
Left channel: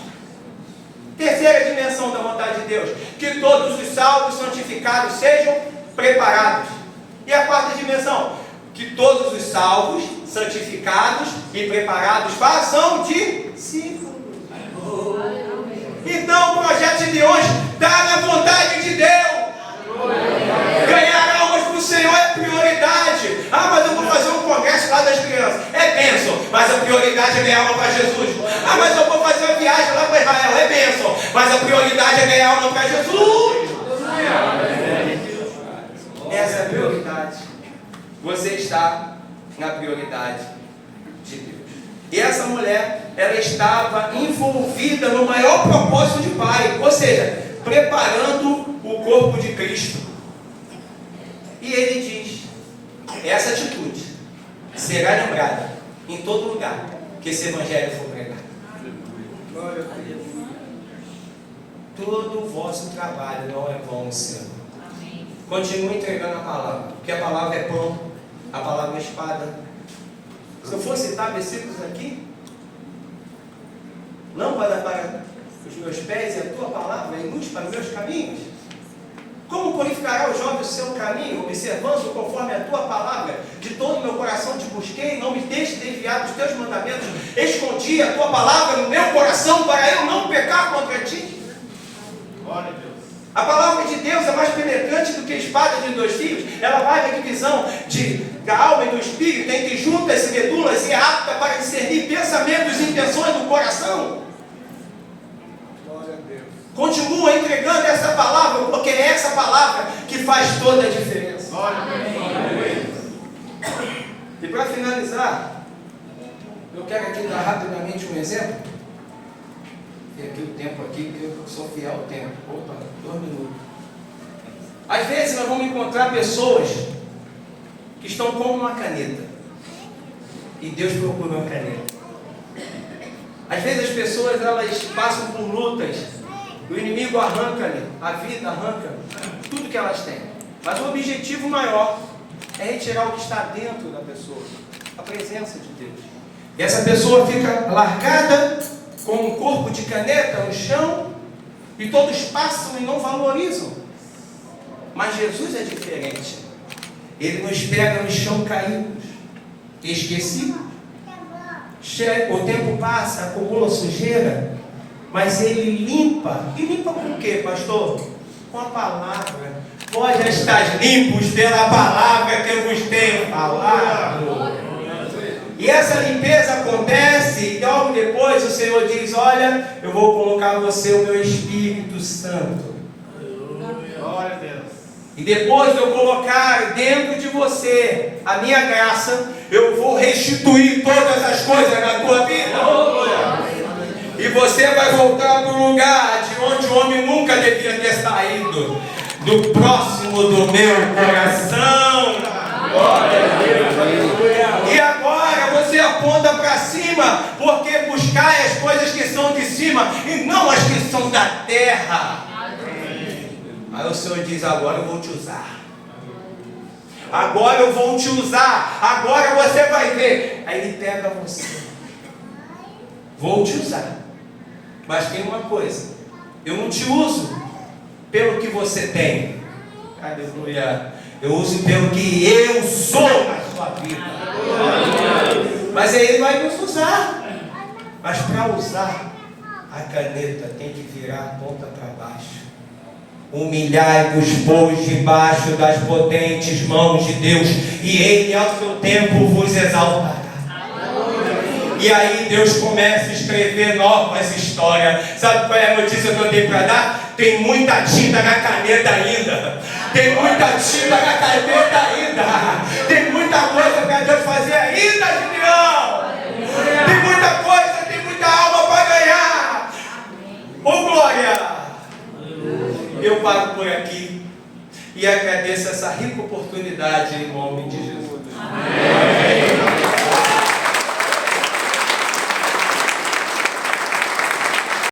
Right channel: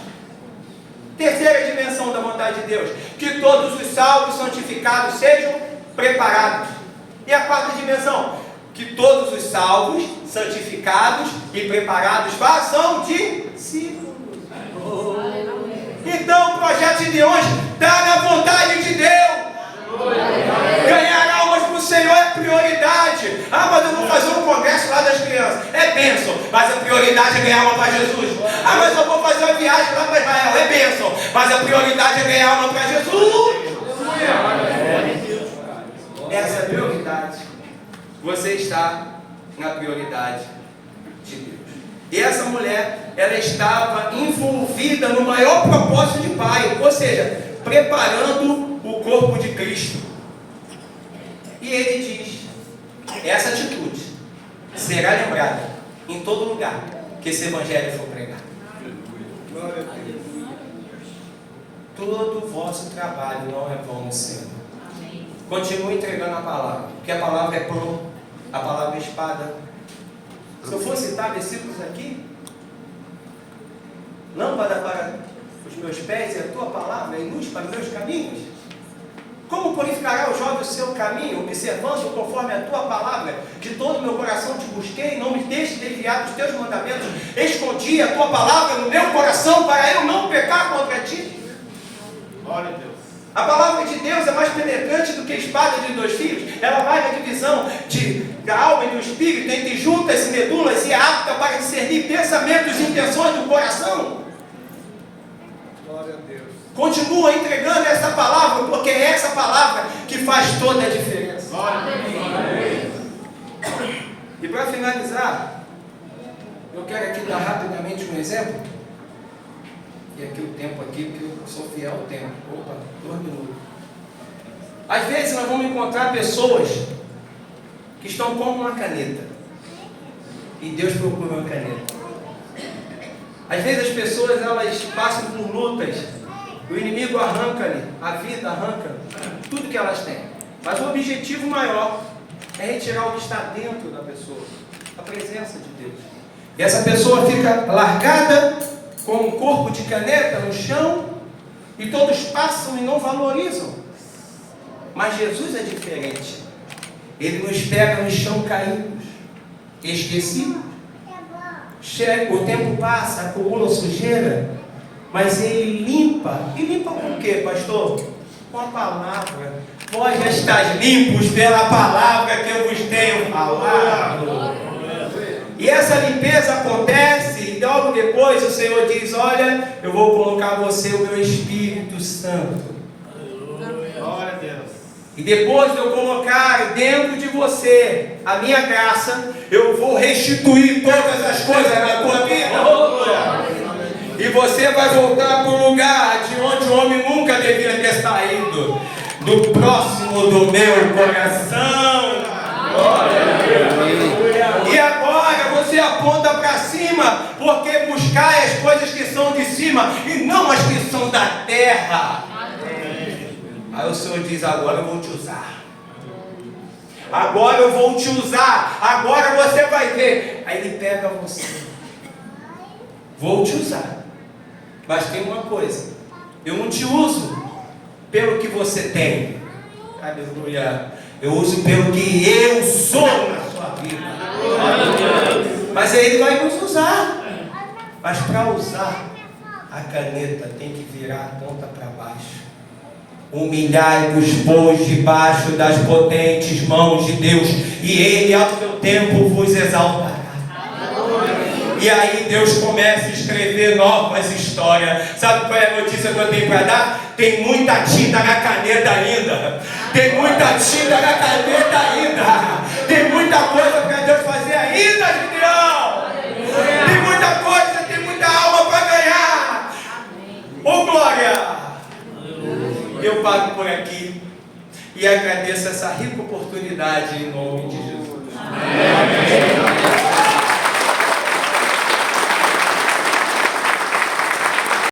Terceira dimensão da vontade de Deus, que todos os salvos santificados sejam preparados. E a quarta dimensão, que todos os salvos santificados e preparados façam discípulos. Então o projeto de hoje está na vontade de Deus. Ganhar almas para o Senhor é prioridade. Ah, mas eu vou fazer um congresso lá das crianças. É bênção, mas a prioridade é ganhar alma para Jesus. Ah, mas eu vou fazer uma viagem lá para Israel. É bênção, mas a prioridade é ganhar alma para Jesus. Essa é a prioridade. Você está na prioridade de Deus. E essa mulher, ela estava envolvida no maior propósito de Pai, ou seja, preparando o corpo de Cristo. E ele diz, essa atitude será lembrada em todo lugar que esse evangelho for pregado. Todo o vosso trabalho não é vão, Senhor. Continue entregando a palavra, porque a palavra é pão, a palavra é espada. Se eu for citar versículos aqui, lâmpada para os meus pés e a tua palavra é luz para os meus caminhos. Como purificará o jovem o seu caminho, observando conforme a tua palavra? De todo o meu coração te busquei, não me deixe desviar dos teus mandamentos. Escondi a tua palavra no meu coração para eu não pecar contra ti. Glória a Deus. A palavra de Deus é mais penetrante do que a espada de 2 fios. Ela vai na divisão da alma e do espírito, entre juntas e medulas, e é apta para discernir pensamentos e intenções do coração. Glória a Deus. Continua entregando essa palavra, porque é essa palavra que faz toda a diferença. Glória a Deus. E para finalizar, eu quero aqui dar rapidamente um exemplo. E aqui o tempo aqui, que eu sou fiel ao tempo. Opa, 2 minutos. Às vezes nós vamos encontrar pessoas que estão como uma caneta. E Deus procura uma caneta. Às vezes as pessoas, elas passam por lutas. O inimigo arranca-lhe, a vida arranca tudo que elas têm. Mas o objetivo maior é retirar o que está dentro da pessoa. A presença de Deus. E essa pessoa fica largada com um corpo de caneta no chão, e todos passam e não valorizam. Mas Jesus é diferente. Ele nos pega no chão caídos, esquecidos. O tempo passa, acumula sujeira, mas Ele limpa. E limpa com o quê, pastor? Com a palavra. Vós já estáis limpos pela palavra que eu vos tenho falado. E essa limpeza acontece, e logo depois o Senhor diz: olha, eu vou colocar você o meu Espírito Santo. Glória a Deus. E depois de eu colocar dentro de você a minha graça, eu vou restituir todas as coisas na tua vida. E você vai voltar para o lugar de onde o homem nunca devia ter saído, do próximo do meu coração. Glória a Deus. E agora você aponta para cima, porque buscai as coisas que são de cima e não as que são da terra. Aí o Senhor diz: agora eu vou te usar. Agora eu vou te usar. Agora você vai ver. Aí Ele pega você. Vou te usar. Mas tem uma coisa: eu não te uso pelo que você tem. Aleluia. Eu uso pelo que eu sou na sua vida. Mas aí Ele vai nos usar. Mas para usar, a caneta tem que virar a ponta para baixo. Humilhai-vos, pois, debaixo das potentes mãos de Deus, e Ele ao seu tempo vos exaltará. E aí Deus começa a escrever novas histórias. Sabe qual é a notícia que eu tenho para dar? Tem muita tinta na caneta ainda. Tem muita tinta na caneta ainda. Tem muita coisa para Deus fazer ainda, Gideão. Tem muita coisa, tem muita alma para ganhar. Ô glória! Eu paro por aqui e agradeço essa rica oportunidade em nome de Jesus. Amém.